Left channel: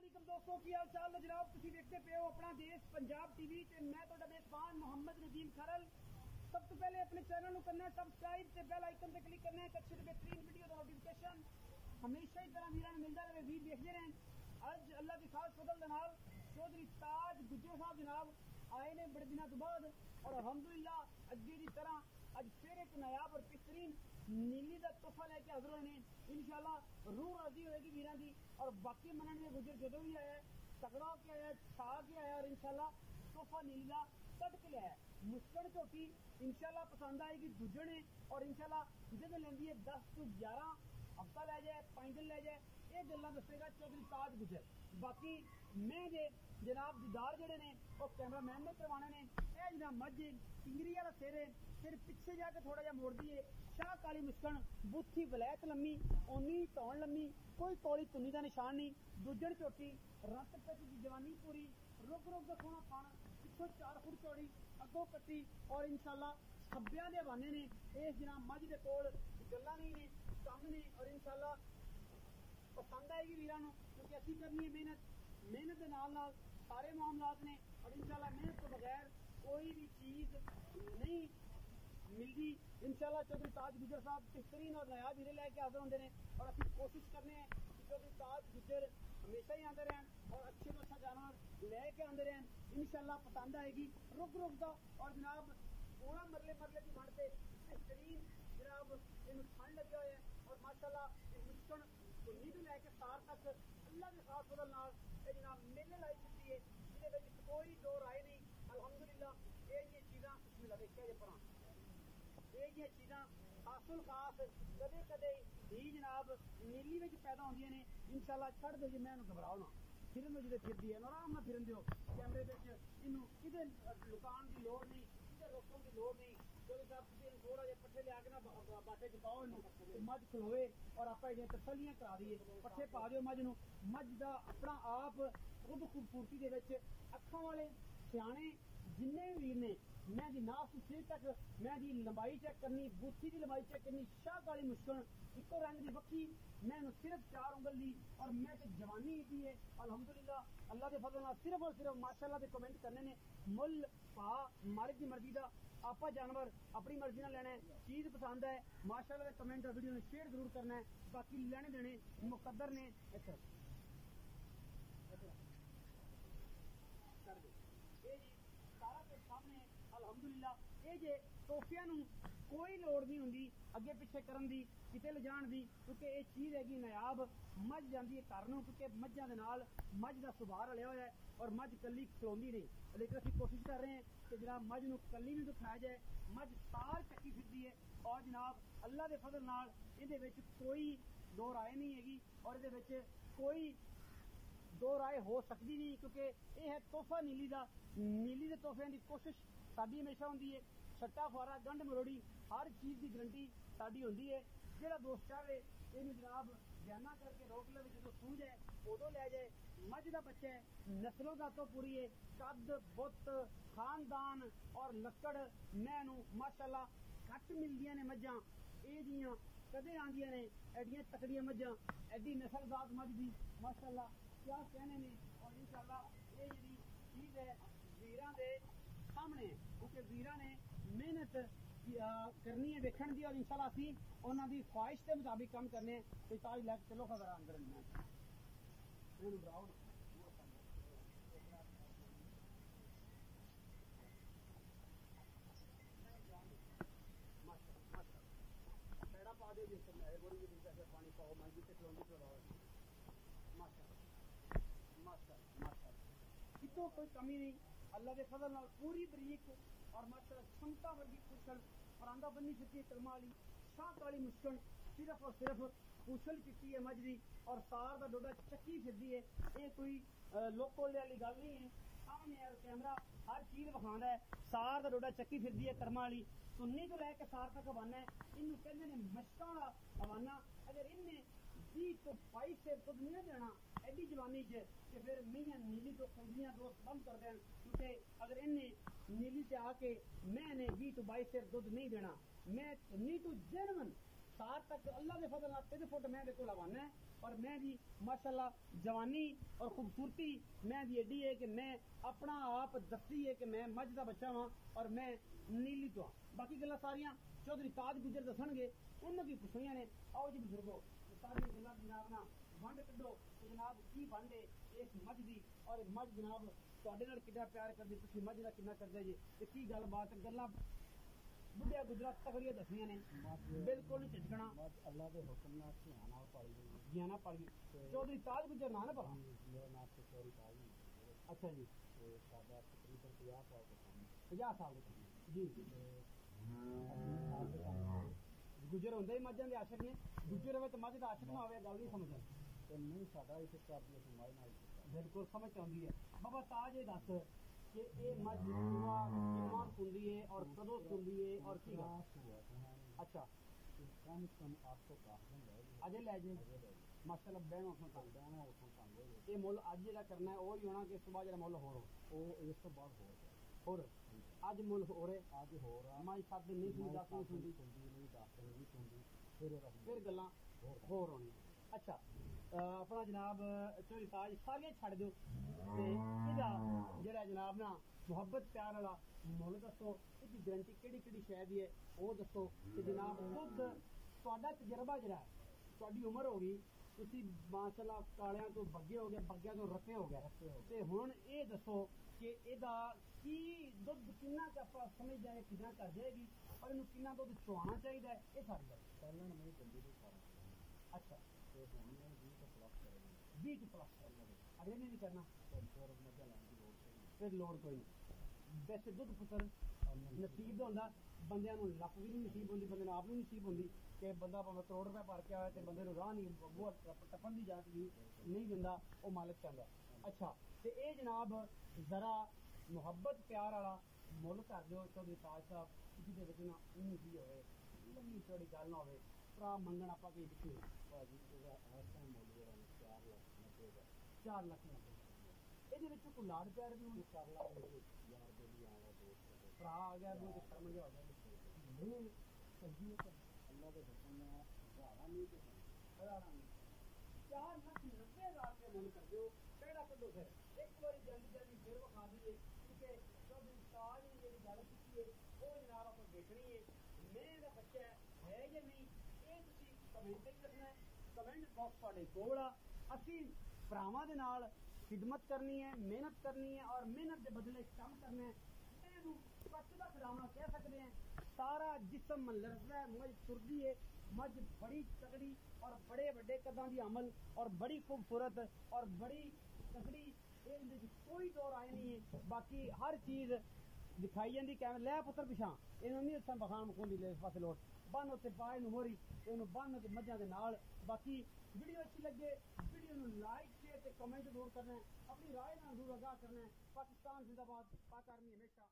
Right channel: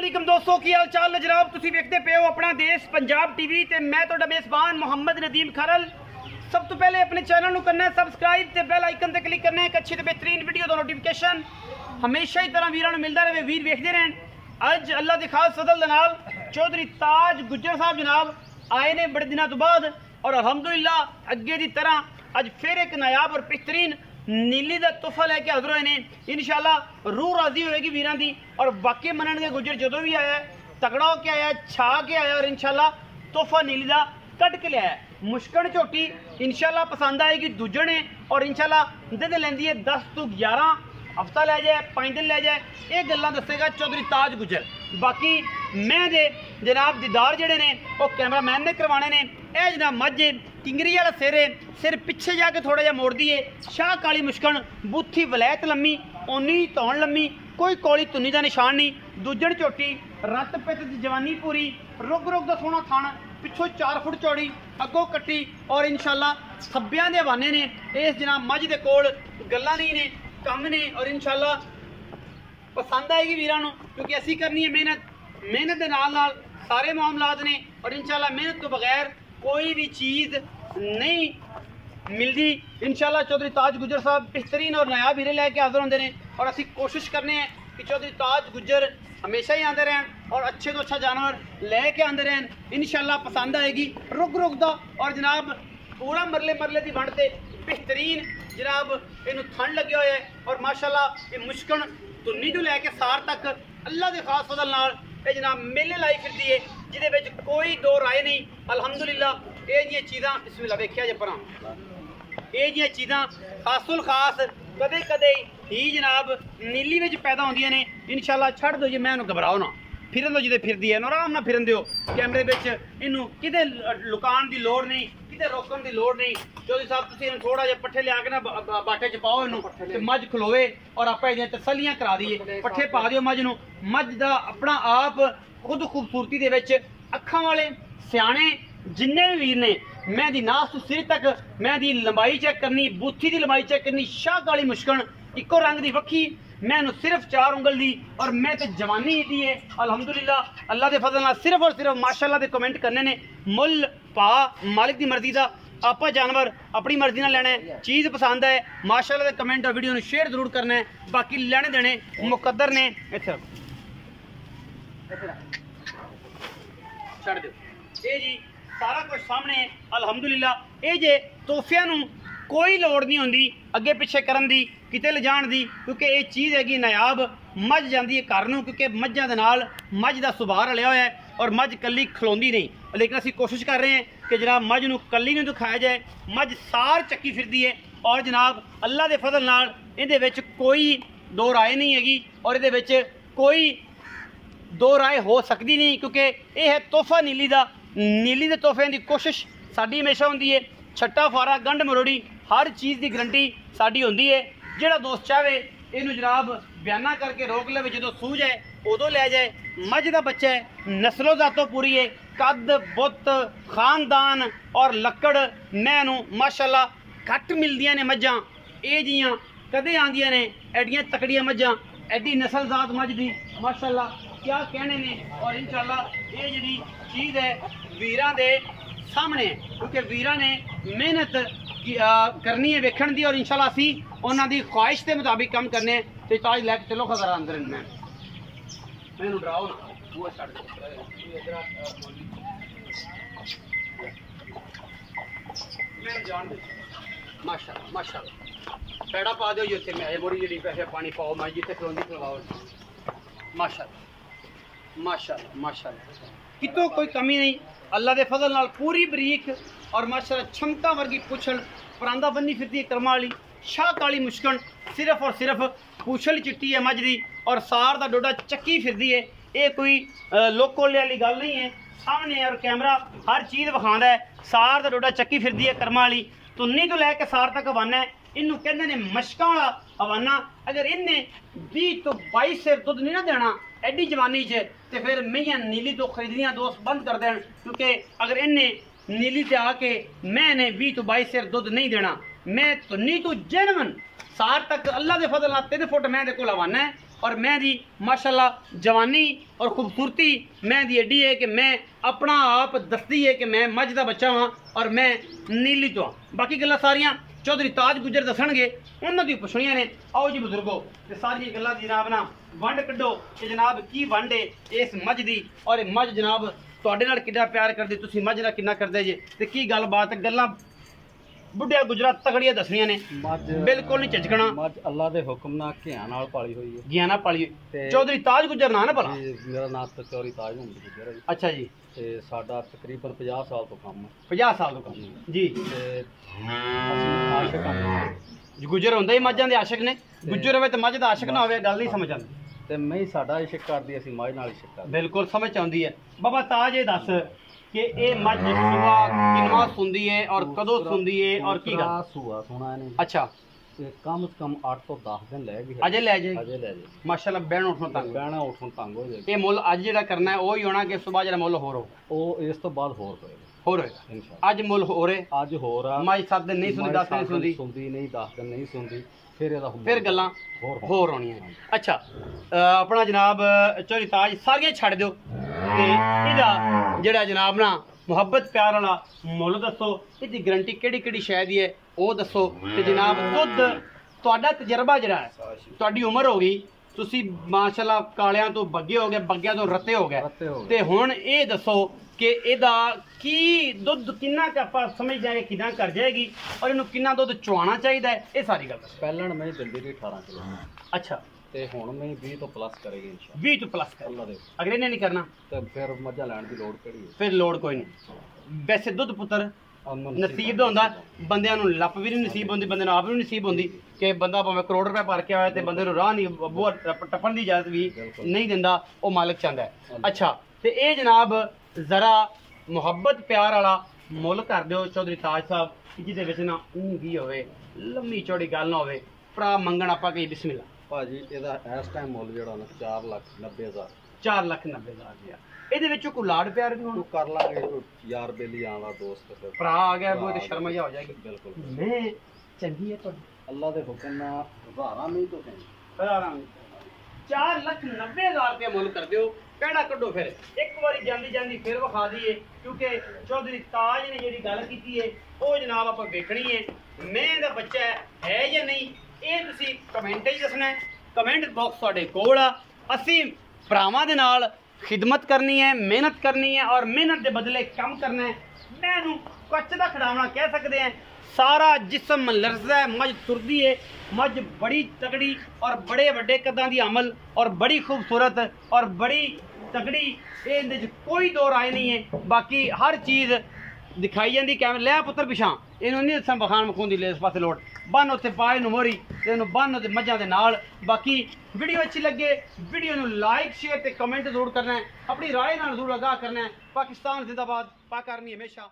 अस्सलाम दोस्तों की हाल चाल है जनाब। तुसीं वेखदे पे हो अपना देश पंजाब टीवी ते मैं तुहाडा मेज़बान मोहम्मद नदीम खरल। सब तो पहले अपने चैनल नूं करना है सबसक्राइब ते बेल आइकन ते क्लिक करना है। एक अच्छी ते बेहतरीन वीडियो दा नोटिफिकेशन हमेशा ही तरह वीरां नूं मिलदा रहे, वीर वेखदे रहन। अज अल्लाह दी खास फजल दे नाल चौधरी ताज गुज्जर साहब जनाब आए ने बड़े दिनों तो बाद, और अल्हम्दुलिल्लाह अगे की तरह अज फिर एक नायाब और बेहतरीन नीली का तोहफा लैके हाजिर होए ने। इंशाअल्लाह रूह राजी होएगी वीरां दी, और बाकी मनणगे गुज्जर जदों भी आया तगड़ा होके आया, छा के आया, और इंशाअल्लाह तोहफा नीली का कट के लिया। मुश्कन झोटी इंशाअल्लाह पसंद आएगी दूजे ने, और इंशाअल्लाह दे लैंदी है 10 तो 11 हफ्ता लै जाए 5 दिन लै जाए, ये गल्लां दसेगा चौधरी ताज गुज्जर। बाकी मैं दे जनाब दीदार जेडे ने वो कैमरामैन ने करवाने ने। यह जनाब मझ किंगरी वाला सिर है, सिर पिछे जाके थोड़ा जहा मोड़ दिए, शाह काली मुश्कन, बूथी वलैत लम्मी, ओनी धौन लम्मी, कोई कौली तुन्नी का निशान नहीं, दूजण झोटी, रत पित जवानी पूरी, रुग रुग का सोहना थण, पिछों 4 फुट चौड़ी, अगों कट्टी, और इंशाअल्लाह खब्बियां दे हवाने ने। इस जनाब मझ दे कोल गल्लां नहीं ने, कम ने, और इंशाअल्लाह पसंद आएगी वीरां नूं, क्योंकि असी करनी है मेहनत, मेहनत के नाल नाल सारे मामलात ने, और इंशाअल्लाह मेहनत तो बगैर कोई भी चीज़ नहीं मिलती। इंशाअल्लाह चौधरी ताज गुज्जर साहब बेहतरीन और नायाब हीरे लैके हाजिर होंगे ने, और असी कोशिश करने हैं कि चौधरी ताज गुज्जर हमेशा ही आते रहन और अच्छे तो अच्छा जानवर लैके आते रहन। इंशाअल्लाह पसंद आएगी रुक रुक दा, और जनाब पूरा मरले मरले की बनते बेहतरीन जनाब इनू ठंड लगे हुए है, और माशाअल्लाह ये मुश्कन तुन्नी तो लैके सार तक अल्लाह के खास फजल नाल ये जनाब मेले लाई फिरती है, जिहदे कोई दो राय नहीं। अल्हम्दुलिल्लाह ये जी चीज़ां बिस्मिल्लाह वेख्या जे परां, ये जी चीज़ां खासुल खास कदे कदे ही जनाब नीली में पैदा होंदियां ने। इंशाअल्लाह छड़ दो जी, मैं घबराओ ना, फिरन दो जिदे फिरदी है आराम ना फिरन दिओ। कैमरे में इनू किते लुकान की लोड़ नहीं, किते रोकन की लोड़ नहीं। चौधरी साहब तुसीं थोड़ा जिहा पट्ठे लिया के ना बाटे च पाओ इनू, मझ खलोवे और आप तसलियां करा दिए, पट्ठे पा दिओ मझ नूं। मझ दा अपना आप खुद खूबसूरती दे विच अखां वाले सियाणे जिन्ने भी वीर ने, मैं दी नास तो सिर तक मैं दी लंबाई चेक करनी, बूथी की लंबाई चेक करनी, शाह काली मुश्कन इको रंग की वक्खी, मैं सिर्फ 4 उंगल दी, और मैं तो जवानी दी है अल्हम्दुलिल्लाह अल्लाह के फजल नाल। सिर्फ और सिर्फ माशाअल्लाह दे कमेंट करने ने, मुल पा मालिक की मर्जी का, आप जानवर अपनी मर्जी नाल लेना है, चीज़ पसंद है माशाअल्लाह दे कमेंट और वीडियो शेयर जरूर करना है। बाकी लेने देने मुकद्दर ने, इत्थे छड़ दो ये जी सारा कुछ सामने अल्हम्दुलिल्लाह। ये जे तोहफियां नूं कोई लोड़ नहीं होंदी अगे पिछे करन दी, किते ले जाण दी, क्योंकि ये चीज़ हैगी नायाब। मझ जाती है घर नूं, क्योंकि मझां दे नाल मझ दा सुभाऽ रलिया होया है, और मझ कल्ली खलोंदी नहीं। लेकिन असीं कोशिश कर रहे हैं कि जनाब मझ नूं कल्ली नहीं दिखाया जाए, मझ सार चक्की फिरदी है, और जनाब अल्लाह के फजल नाल इहदे विच कोई दो राय नहीं हैगी, और इहदे विच कोई दो राय हो सकती नहीं, क्योंकि यह है तोहफा नीली का। नीली के तोहफे की कोशिश साड़ी हमेशा होंदी है, छट्टा फारा गंढ मरोड़ी हर चीज़ की गारंटी साड़ी होंदी है। जिहड़ा दोस्त चाहे इनू जनाब बयाना करके रोक ले, जो सूझ है उदों लै जाए। मझ का बच्चा है, नस्लो जातों पूरी है, कद बुत खानदान और लकड़ मैनू माशाअल्लाह घट मिलदियां ने मझां, ये जियां कदे आंदियां ने एडियां तकड़ियां मझां, एडी नस्ल जात मझ दी माशाअल्लाह क्या कहने ने। और इंशाअल्लाह ये जी चीज़ है वीरां दे सामने, क्योंकि वीरां ने मेहनत करनी है वेखण दी, और इंशाअल्लाह असी उन्हां दी ख्वाहिश के मुताबिक काम करने। तो ताज लैके चलो खबर अंदर मैनू डराओ ना, वो छड़ दो मैं जान दे माशाअल्लाह माशाअल्लाह पैड़ा पा दो जिथे मैं मोड़ी जी पैसे पानी पाओ, मैं जिथे खलोंदी खलवाओ माशाअल्लाह माशाअल्लाह माशाअल्लाह, कितों कोई कमी नहीं। अल्लाह के फजल नाल पूरी बरीक और माशाअल्लाह छमका वर्गी पुछल परांदा बन्नी फिरती है करमा वाली, शाह काली मुश्कन, सिर्फ और सिर्फ पूछल चिट्टी है मझ दी, और सार का डोडा चक्की फिरती है। ये कोई लोकोले वाली गल नहीं है, सामने और कैमरा हर चीज़ विखांदा है। सार का डोडा चक्की फिरती है करमा वाली, तुन्नी तो लैके सार तक हवाना है। इनू कहते हैं मशकां वाला हवाना। अगर इन्हें 20 तो 22 सिर दुध नहीं ना देना एडी जवानी च, तो फिर मैयां नीली तो खरीदनियां दोस्त बंद कर देन, क्योंकि अगर इन्हें नीली से आके मैंने 20 तो 22 सिर दुध नहीं देना, मैं तो नी तो जेनवन सार तक अल्लाह के फजल नाल 3 फुट मैं दे कोल हवाना है, और मैं दी माशाल्लाह जवानी और खूबसूरती मैं दी एडी है कि मैं अपना आप दसदी है कि मैं मझ का बच्चा हाँ और मैं नीली तो हाँ। बाकी गल्लां सारियां चौधरी ताज गुजर दसणगे उन्होंने दी पुछणियां ने। आओ जी बुजुर्गो ते सारी गल्लां दी जनाब ना वंड कड्डो कि जनाब की वंड है इस मझ दी और मझ जनाब तुहाडे नाल कितना प्यार करदे तुसीं मझ नाल कितना करदे जे ते की गलबात गल्लां बुढ़िया गुजरा तगड़िया दसनिया ने बिल्कुल नहीं झिझकना। मझ अल्लाह दे हुक्म नाल घियां नाल पाली हुई है। घियां नाल पाली चौधरी ताज गुजर ना भला? मेरा नाम तो चौधरी ताज मुहम्मद गुजर है। अच्छा जी। ते साडा तकरीबन 50 साल तो काम है। 50 साल तो काम जी। ते ਅਸੀਂ ਆਸ਼ਿਕ ਹਾਂ। गुजर होंदे ही मझां दे आशिक ने। गुजर होवे ते मझ दा आशिक ना होवे गल नहीं समझ आंदी। ਤੇ ਮੈਂ ਹੀ ਸਾਡਾ ਇਸ਼ਕ ਕਰਦੀ ਅਸੀਂ ਮਝ ਨਾਲ ਇਸ਼ਕ ਕਰਦੇ। बिल्कुल समझ आंदी है। बाबा ताज ये दस कि ये मझ सुआ किनवा सुंदी है और कदों सुंदी है और की गल? सूआ सुना ने। अच्छा ਤੇ ਕਮ ਸੇ ਕਮ 8 ਤੋਂ 10 ਦਿਨ ਲੈ ਗਈ। अजे ले जाए ਅਜੇ ਲੈ ਜੇ। माशाल्लाह बैण उठों तंग ਬਹਿਣਾ ਉੱਠਣ ਤੰਗ ਹੋ ਜਾਏ। ये मुल अज जेड़ा करना है वो ही होना कि सुबह जेड़ा मुल होर हो ਉਹ ਇਸ ਤੋਂ ਬਾਅਦ ਹੋਰ ਹੋਏਗਾ होर होएगा। ਇਨਸ਼ਾਅੱਲਾ। अज मुल हो रहे ਅੱਜ ਹੋਰ ਆ। मझ 7 दिन नहीं सुनदी 10 दिन सुनदी ਸੁਣਦੀ ਨਹੀਂ 10 ਦਿਨ ਨਹੀਂ ਸੁਣਦੀ ਫਿਰ ਇਹਦਾ फिर गल्लां होर होणियां। अच्छा अपना जनाब चौधरी ताज सारियां छड्ड दिओ ते इहदा जेड़ा जनाब ना मुहब्बत प्यार वाला मुल दसो इहदी गारंटी किहड़ी किहड़ी शै दी है वो दसो ते जनाब दुध तुहाडा तजर्बा जेड़ा है तुहाडी उम्र हो गई ਤੁਸੀਂ ਮਾਸ਼ਾਅੱਲਾ ਕਾਲਿਆਂ ਤੋਂ ਬੱਗੇ ਹੋ ਗਏ ਬੱਗਿਆਂ ਤੋਂ ਰੱਤੇ ਹੋ ਗਏ ਤੇ ਹੁਣ ਇਹ ਦੱਸੋ ਕਿ ਇਹਦਾ ਕੀ ਦੁੱਧ ਕਿੰਨਾ ਕੁ ਆਪਾਂ ਸਮਝ ਜਾਏ ਕਿਦਾਂ ਕਰ ਜਾਏਗੀ ਔਰ ਇਹਨੂੰ ਕਿੰਨਾ ਦੁੱਧ ਚੁਆਉਣਾ ਚਾਹੀਦਾ ਹੈ ਇਹ ਸਾਰੀ ਗੱਲ ਦੱਸੋ। ਪਹਿਲਣ ਮੈਂ ਦਿੰਦੀ ਰਹੀ 18 ਕਿਲੋ। ਅੱਛਾ ਤੇ ਹੁਣ ਮੈਂ 20 ਤੋਂ ਪਲੱਸ ਕਰੇਗੀ ਇਨਸ਼ਾਅੱਲਾ। 20 ਤੋਂ ਪਲੱਸ ਕਰ ਅੱਲਾ ਦੇ ਅਗਲੇ ਨੇ ਨਹੀਂ ਕਰਨਾ ਤੇ ਫਿਰ ਮੱਝਾਂ ਲੈਣ ਦੀ ਲੋੜ ਕਿਹੜੀ ਹੈ? ਫਿਰ ਲੋੜ ਕੋਈ ਨਹੀਂ। ਵੈਸੇ ਦੁੱਧ ਪੁੱਤਰ ਨਸੀਬ ਦਾ ਹੁੰਦਾ ਬੰਦਿਆਂ ਨੂੰ ਲੱਪ ਵੀ ਨਹੀਂ ਨਸੀਬ ਹੁੰਦੀ ਬੰਦੇ ਨੂੰ ਆਪ ਵੀ ਨਹੀਂ ਨਸੀਬ ਹੁੰਦੀ ਕਿ ਬੰਦਾ ਭਾਵੇਂ ਕਰੋੜ ਰੁਪਏ ਭਰ ਕੇ ਆਇਆ ਤੇ ਬੰਦੇ ਨੂੰ ਰਾਹ ਨਹੀਂ ਬੂਹਾ ਟੱਪਣ ਦੀ ਇਜਾਜ਼ਤ ਵੀ ਨਹੀਂ ਦਿੰਦਾ ਉਹ ਮਾਲਕ ਚਾਹੁੰਦਾ ਹੈ। ਅੱਛਾ ਤੇ ਇਹ ਜਨਾਬ ਜ਼ਰਾ ਮੁਹੱਬਤ ਪਿਆਰ ਵਾਲਾ ਮੁੱਲ ਕਰ ਦਿਓ ਚੌਧਰੀ ਤਾਜ ਸਾਹਿਬ ਜਿਹਦੇ ਵਿੱਚ ਨਾ ਊਂਗੀ ਹੋਵੇ ਲੰਮੀ ਚੌੜੀ ਗੱਲ ਨਾ ਹੋਵੇ ਭਰਾ ਮੰਗਣ ਆਪਾਂ ਕਹੀ ਬਿਸਮਿਲ੍ਲਾ। ਭਾਜੀ ਇਹਦਾ ਇਸ ਟਾਈਮ ਮੁੱਲ ਜਿਹੜਾ ਨਾ 4,90,000 4,90,000 ਇਹਦੇ ਵਿੱਚੋਂ ਕੋਈ ਲਾੜ ਪਿਆਰ ਵੀ ਹੋਣਾ ਤੂੰ ਕਰ ਲਾਂਗੇ ਕੋਈ ਯਾਰ ਬੇਲੀ ਆਲਾ ਦੋਸਤ ਫਿਰ ਭਰਾ ਆ ਗਿਆ ਉਹ ਤੇ ਸ਼ਰਮ ਜਿਹਾ ਹੋ ਜਾਏਗੀ। ਬਿਲਕੁਲ ਮੈਂ ਚੰਗੀ ਹੈ ਤੁਹਾਡੀ ਅੱਲਾ ਦੇ ਹੁਕਮ ਨਾਲ ਹਜ਼ਾਰਾਂ ਨਹੀਂ ਤੋਂ ਸਹੀ। 4,90,000 रुपया मुल कर दियो पेड़ा कड्डो फिर एक बारी जांदी जांदी फिर विखा दईए क्योंकि चौधरी ताज ने जी गल की है वो जनाब आप वेखनी है मैं दा बच्चा है या नहीं ये तुसी कमेंट दसना है। कमेंट बॉक्स तुहाडे कोल आ असीं भरावां दे नाल खिदमत करनी है मेहनत करनी है और मेहनत के बदले काम करना है। मैं कच्च का खिडावना कह सकते हैं सारा जिस्म लरजदा है मझ तुरदी है मझ बड़ी तगड़ी और बड़े वड्डे कदां दी अमल और बड़ी खूबसूरत और बड़ी तगड़ी ये कोई दो राय नहीं है। बाकी हर चीज़ दिखाई जाती कैमरे लै पुत्र पिछा इन्हों नहीं दसा बखान मखून दी ले इस पासे लोड़ बन उत्ते पाए नूं मोरी ते इन्हूं बन उत्ते मझां दे नाल। बाकी वीडियो अच्छी लगे वीडियो नूं लाइक शेयर ते कमेंट जरूर करना है अपनी राय नाल जरूर आगाह करना है। पाकिस्तान जिंदाबाद पाक आर्मी हमेशा